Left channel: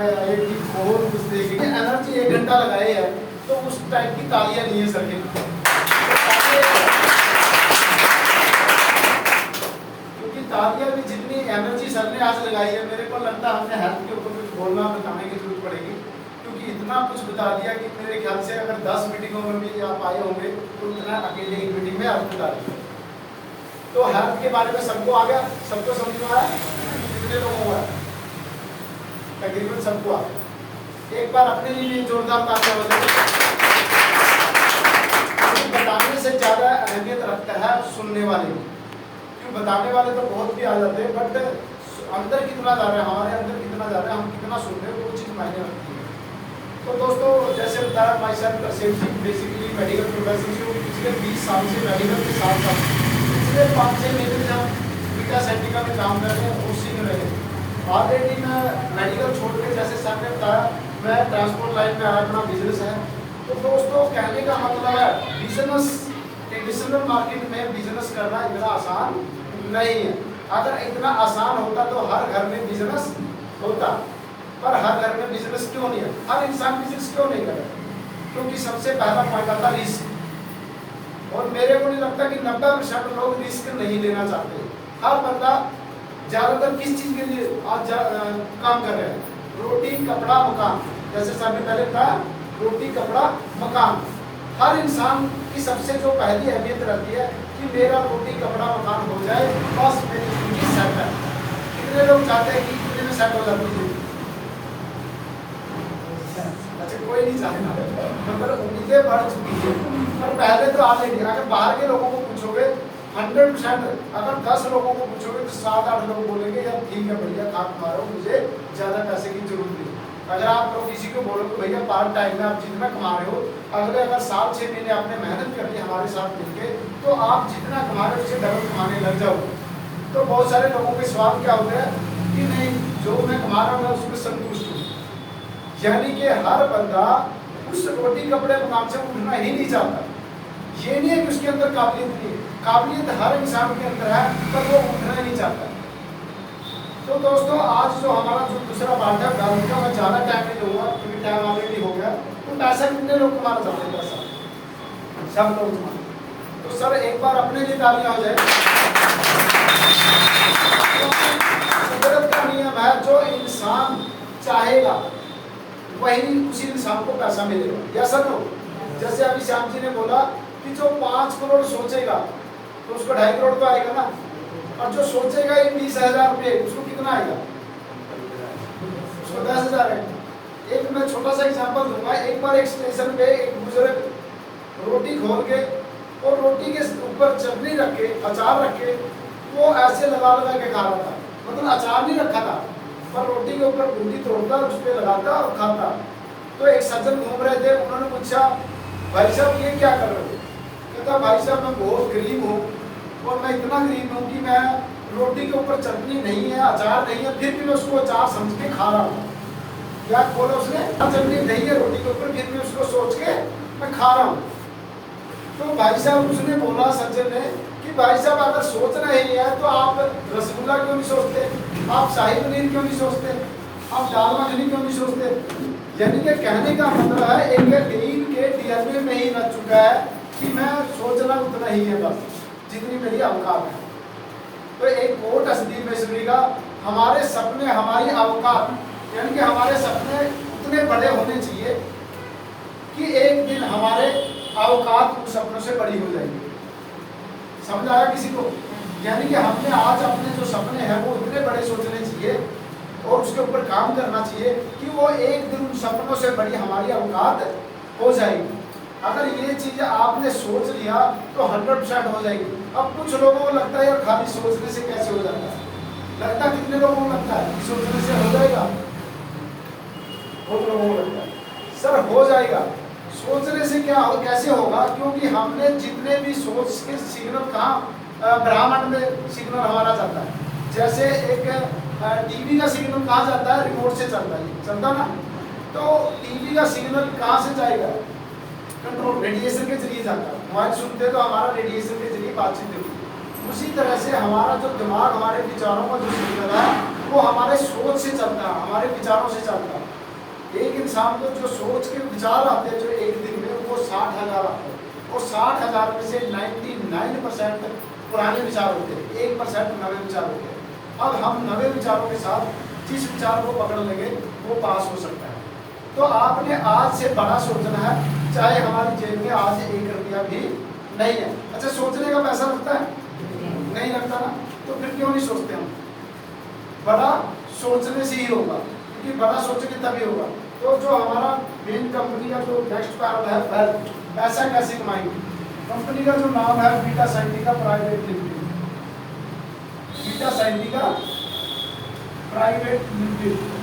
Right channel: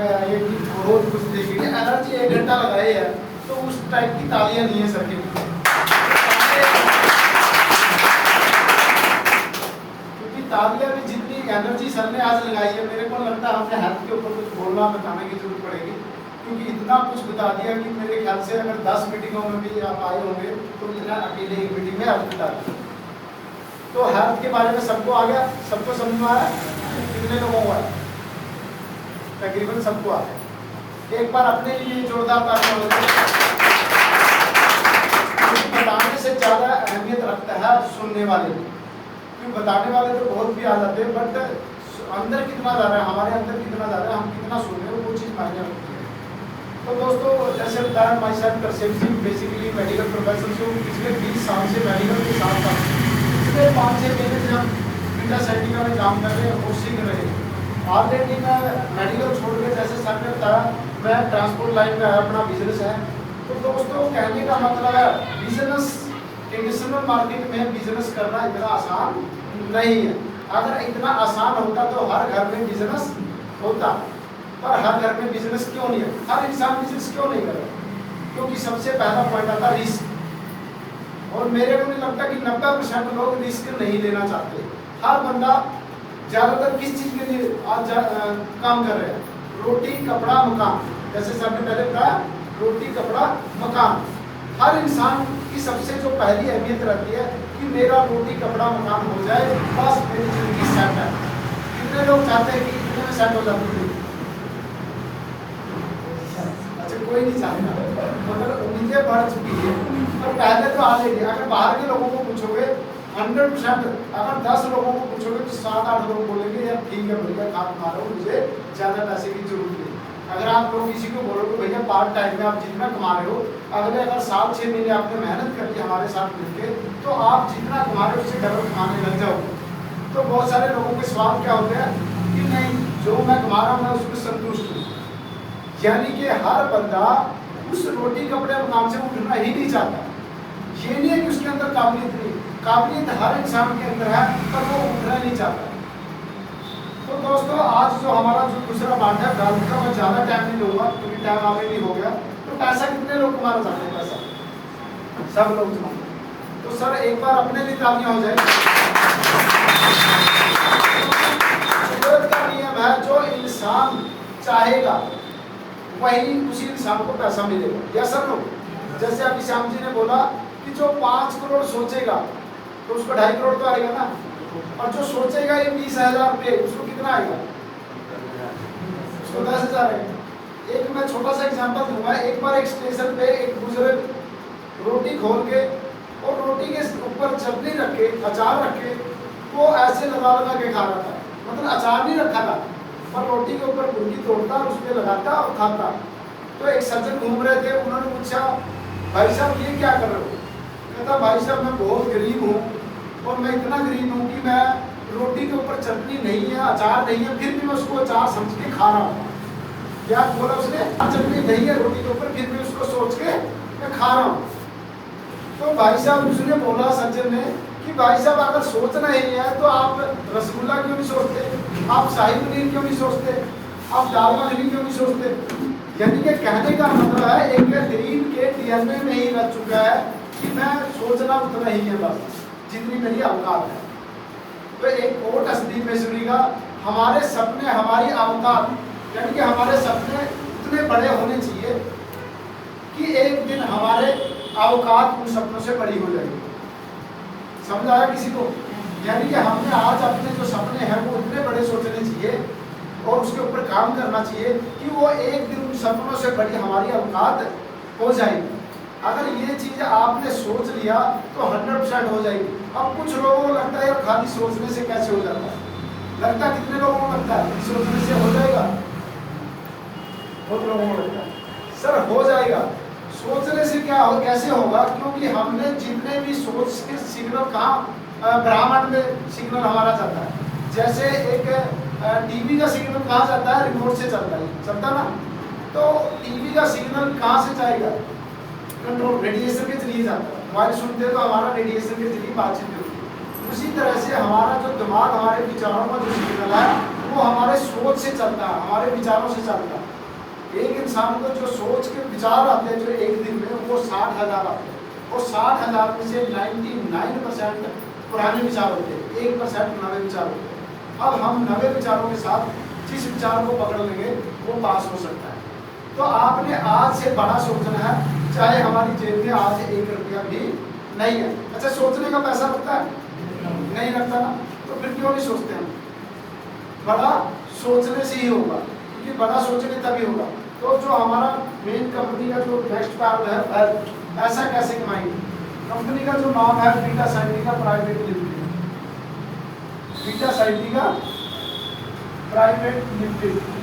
एक बहुत कुछ देखेंगे एनर्जी 1 घंटा लगाए है तो उस टाइप की तालियां नहीं है सर के लिए, क्योंकि तालियां भी जितनी एनर्जी सर ने आज लगाई है मेरे को लगता है हमने हेल्थ के ऊपर कुछ बोलना बताने की जरूरत पड़ेगी, क्योंकि इतना कुछ बता दिया कि मेरे ख्याल से अगर 10 मीटिंगों में भी आप आए होंगे तो इतना अकेले एक मीटिंग में आप बता दिया। तो हेल्थ के बारे में सबको आ गया, सबको समझ में आया, कितने लोगों को आया? तकरीबन सबको आ गया। एक बार अपने लिए जोरदार तालियां हो जाए। बताने से ज्यादा अहमियत रखता है सुनने वाले, क्योंकि बताने वाले तो बहुत भी आ जाते हैं बट अंदर कितना जा रहा है, हमारे अंदर कितना जा रहा है, हम कितना सुन रहे हैं वो चीज़ मायने रखती है। तो दोस्तों जैसे बताया माई सेल्फ करसेप्ट बेसिकली मेडिकल प्रोफेशन से पिछले 20 साल से मेडिकल के साथ साथ पिछले 5-6 महीने से हम बीटा सेटिका में काम कर रहे हैं और सीख रहे हैं। ऑलरेडी मैं मेडिकल छोड़ के जैसे सर ने बताया मैं ट्रांसपोर्ट लाइन में आया, अपना बिजनेस है। तो दोस्तों कहने का मतलब है बिजनेस ट्रेडिशनल मार्केट में बिजनेस करना इतना आसान नहीं है। अगर इतना आसान होता तो हर घर में बिजनेस होता, पर हर घर में बिजनेस क्यों नहीं है? हर इंसान बिजनेस क्यों नहीं कर रहा? क्योंकि सबसे पहला पॉइंट आता रिस्क, और मेरे को नहीं लगता कि 90% लोग रिस्क नहीं लेना चाहते। हर बंदा ज्यादातर किस चीज के लिए आज काम कर रहे हैं? रोटी कपड़ा मकान, जैसे सर ने पहले बताया रोटी कपड़ा मकान। हर इंसान की सबसे जो पहली अहमियत रहती है कि मेरा रोटी कपड़ा मकान हो जाए, बस मेरी जिंदगी सेट है। कितने लोग चाहते हैं कि इतने में सेट हो जाती है? अच्छा कोई नहीं चाहता, मतलब उम्मीदें बढ़ चुकी है। और पहले तो ऑलरेडी अगर बाहर के लोगों को पूछोगे 100%, अगर 10 लोगों को पूछोगे तो 7-8 लोग बोलेंगे यार ठीक है भैया काम कमा मुझे ज़्यादा पैसे की जरूरत नहीं। अगर आप लोग किसी को बोलोगे भैया पार्ट टाइम में आप जितना कमा रहे हो, अगर 7-6 महीने आपने मेहनत कर ली हमारे साथ मिलके तो आप जितना कमा रहे हो उससे डबल कमाने लग जाओगे। तो बहुत सारे लोगों के सवाल क्या होते हैं कि नहीं जो मैं कमा रहा हूँ मैं उसमें संतुष्ट हूँ। यानी कि हर बंदा उस रोटी कपड़े मकान से उठना ही नहीं चाहता। ये नहीं है कि उसके अंदर काबिलियत नहीं, काबिलियत हर इंसान के अंदर है पर वो उठना ही नहीं चाहता। तो दोस्तों आज जो हमारा जो दूसरा बात है घर का, मैं ज़्यादा टाइम नहीं लूँगा क्योंकि टाइम ऑलरेडी हो गया। तो पैसा कितने लोग कमाना चाहते हैं? पैसा सब लोग कमाते। तो सर एक बार अपने लिए तालियां हो जाए। कुदरत का नियम है जो इंसान चाहेगा वही उसी इंसान को पैसा मिलेगा। या सब लोग जैसे अभी श्याम जी ने बोला कि जो 5 करोड़ सोचेगा तो उसको 2.5 करोड़ तो आएगा ना, और जो सोचेगा ये 20,000 रुपये उसको कितना आएगा? उसको 10,000 आएगा। एक मैं छोटा सा एग्जांपल दूंगा। एक बार एक स्टेशन पे एक बुजुर्ग रोटी खोल के और रोटी के ऊपर चटनी रख के अचार रख के वो ऐसे लगा लगा के खा रहा था। मतलब अचार नहीं रखा था पर रोटी के ऊपर गुंडी तोड़ता उस पर लगाता और खाता। तो एक सज्जन घूम रहे थे, उन्होंने पूछा भाई साहब ये क्या कर रहे हो? कहता भाई साहब मैं बहुत गरीब हूँ और मैं इतना गरीब हूँ कि मैं रोटी के ऊपर चटनी नहीं है अचार नहीं है फिर भी मैं उसको अचार समझ के खा रहा हूँ। क्या बोला उसने? चटनी नहीं है रोटी के ऊपर फिर भी उसको सोच के मैं खा रहा हूँ। तो भाई साहब उसने बोला सज्जन ने कि भाई साहब अगर सोचना ही है तो आप रसगुल्ला क्यों नहीं सोचते, आप शाही पनीर क्यों नहीं सोचते, आप दाल मखनी क्यों नहीं सोचते? यानी कि कहने का मतलब है एक टीन के डीएनए में ही रह चुका है कि मैं सोचना उतना ही है बस जितनी मेरी औकात है। तो एक कोट असदी मेसरी का हमारे सपने हमारी औकात, यानी कि हमारे सपने इतने बड़े होने चाहिए कि एक दिन हमारे औकात उन सपनों से बड़ी हो जाएगी। समझ आया किसी को? यानी कि हमने आज अपने जो सपने हैं वो इतने बड़े सोचने चाहिए और उसके ऊपर काम करना चाहिए कि वो एक दिन उन सपनों से बड़ी हमारी औकात हो जाएगी। अगर ये चीज़ आपने सोच लिया तो 100% हो जाएगी। अब कुछ लोगों को लगता है खाली सोचने से कैसे हो जाता है? लगता है कितने लोगों को लगता है कि सोचने से हो जाएगा? बहुत लोगों को लगता है सर हो जाएगा। सोचने से क्या हो, कैसे होगा? क्योंकि हमने जितने भी सोच के सिग्नल कहाँ ब्रह्मांड में सिग्नल हमारा जाता है। जैसे एक टीवी का सिग्नल कहाँ जाता है? रिमोट से चलता ना। तो टीवी का सिग्नल कहाँ से जाएगा? कंट्रोल रेडिएशन के जरिए जाता है। मोबाइल सुनते तो हमारा रेडिएशन के जरिए बातचीत होती है। उसी तरह से हमारा जो दिमाग हमारे विचारों का जो सिग्नल है वो हमारे सोच से चलता है, हमारे विचारों से चलता है। एक इंसान को जो सोच के विचार आते हैं जो एक दिन में, वो 60,000 आते हैं, और 60,000 में से 99% पुराने विचार होते हैं, 1% नए विचार होते हैं। अब हम नए विचारों के साथ जिस विचार को पकड़ लेंगे वो पास हो सकता है। तो आपने आज से बड़ा सोचना है, चाहे हमारी जेब में आज 1 रुपया भी नहीं है। अच्छा, सोचने का पैसा लगता है? नहीं लगता ना, तो फिर क्यों नहीं सोचते हम? बड़ा सोचने से ही होगा, क्योंकि बड़ा सोचेंगे तभी होगा। तो जो हमारा मेन कंपनी का जो नेक्स्ट कारण है वेल्थ, पैसा कैसे कमाएंगे, कंपनी का जो नाम है Beta Scientica private limited, Beta Scientica private limited.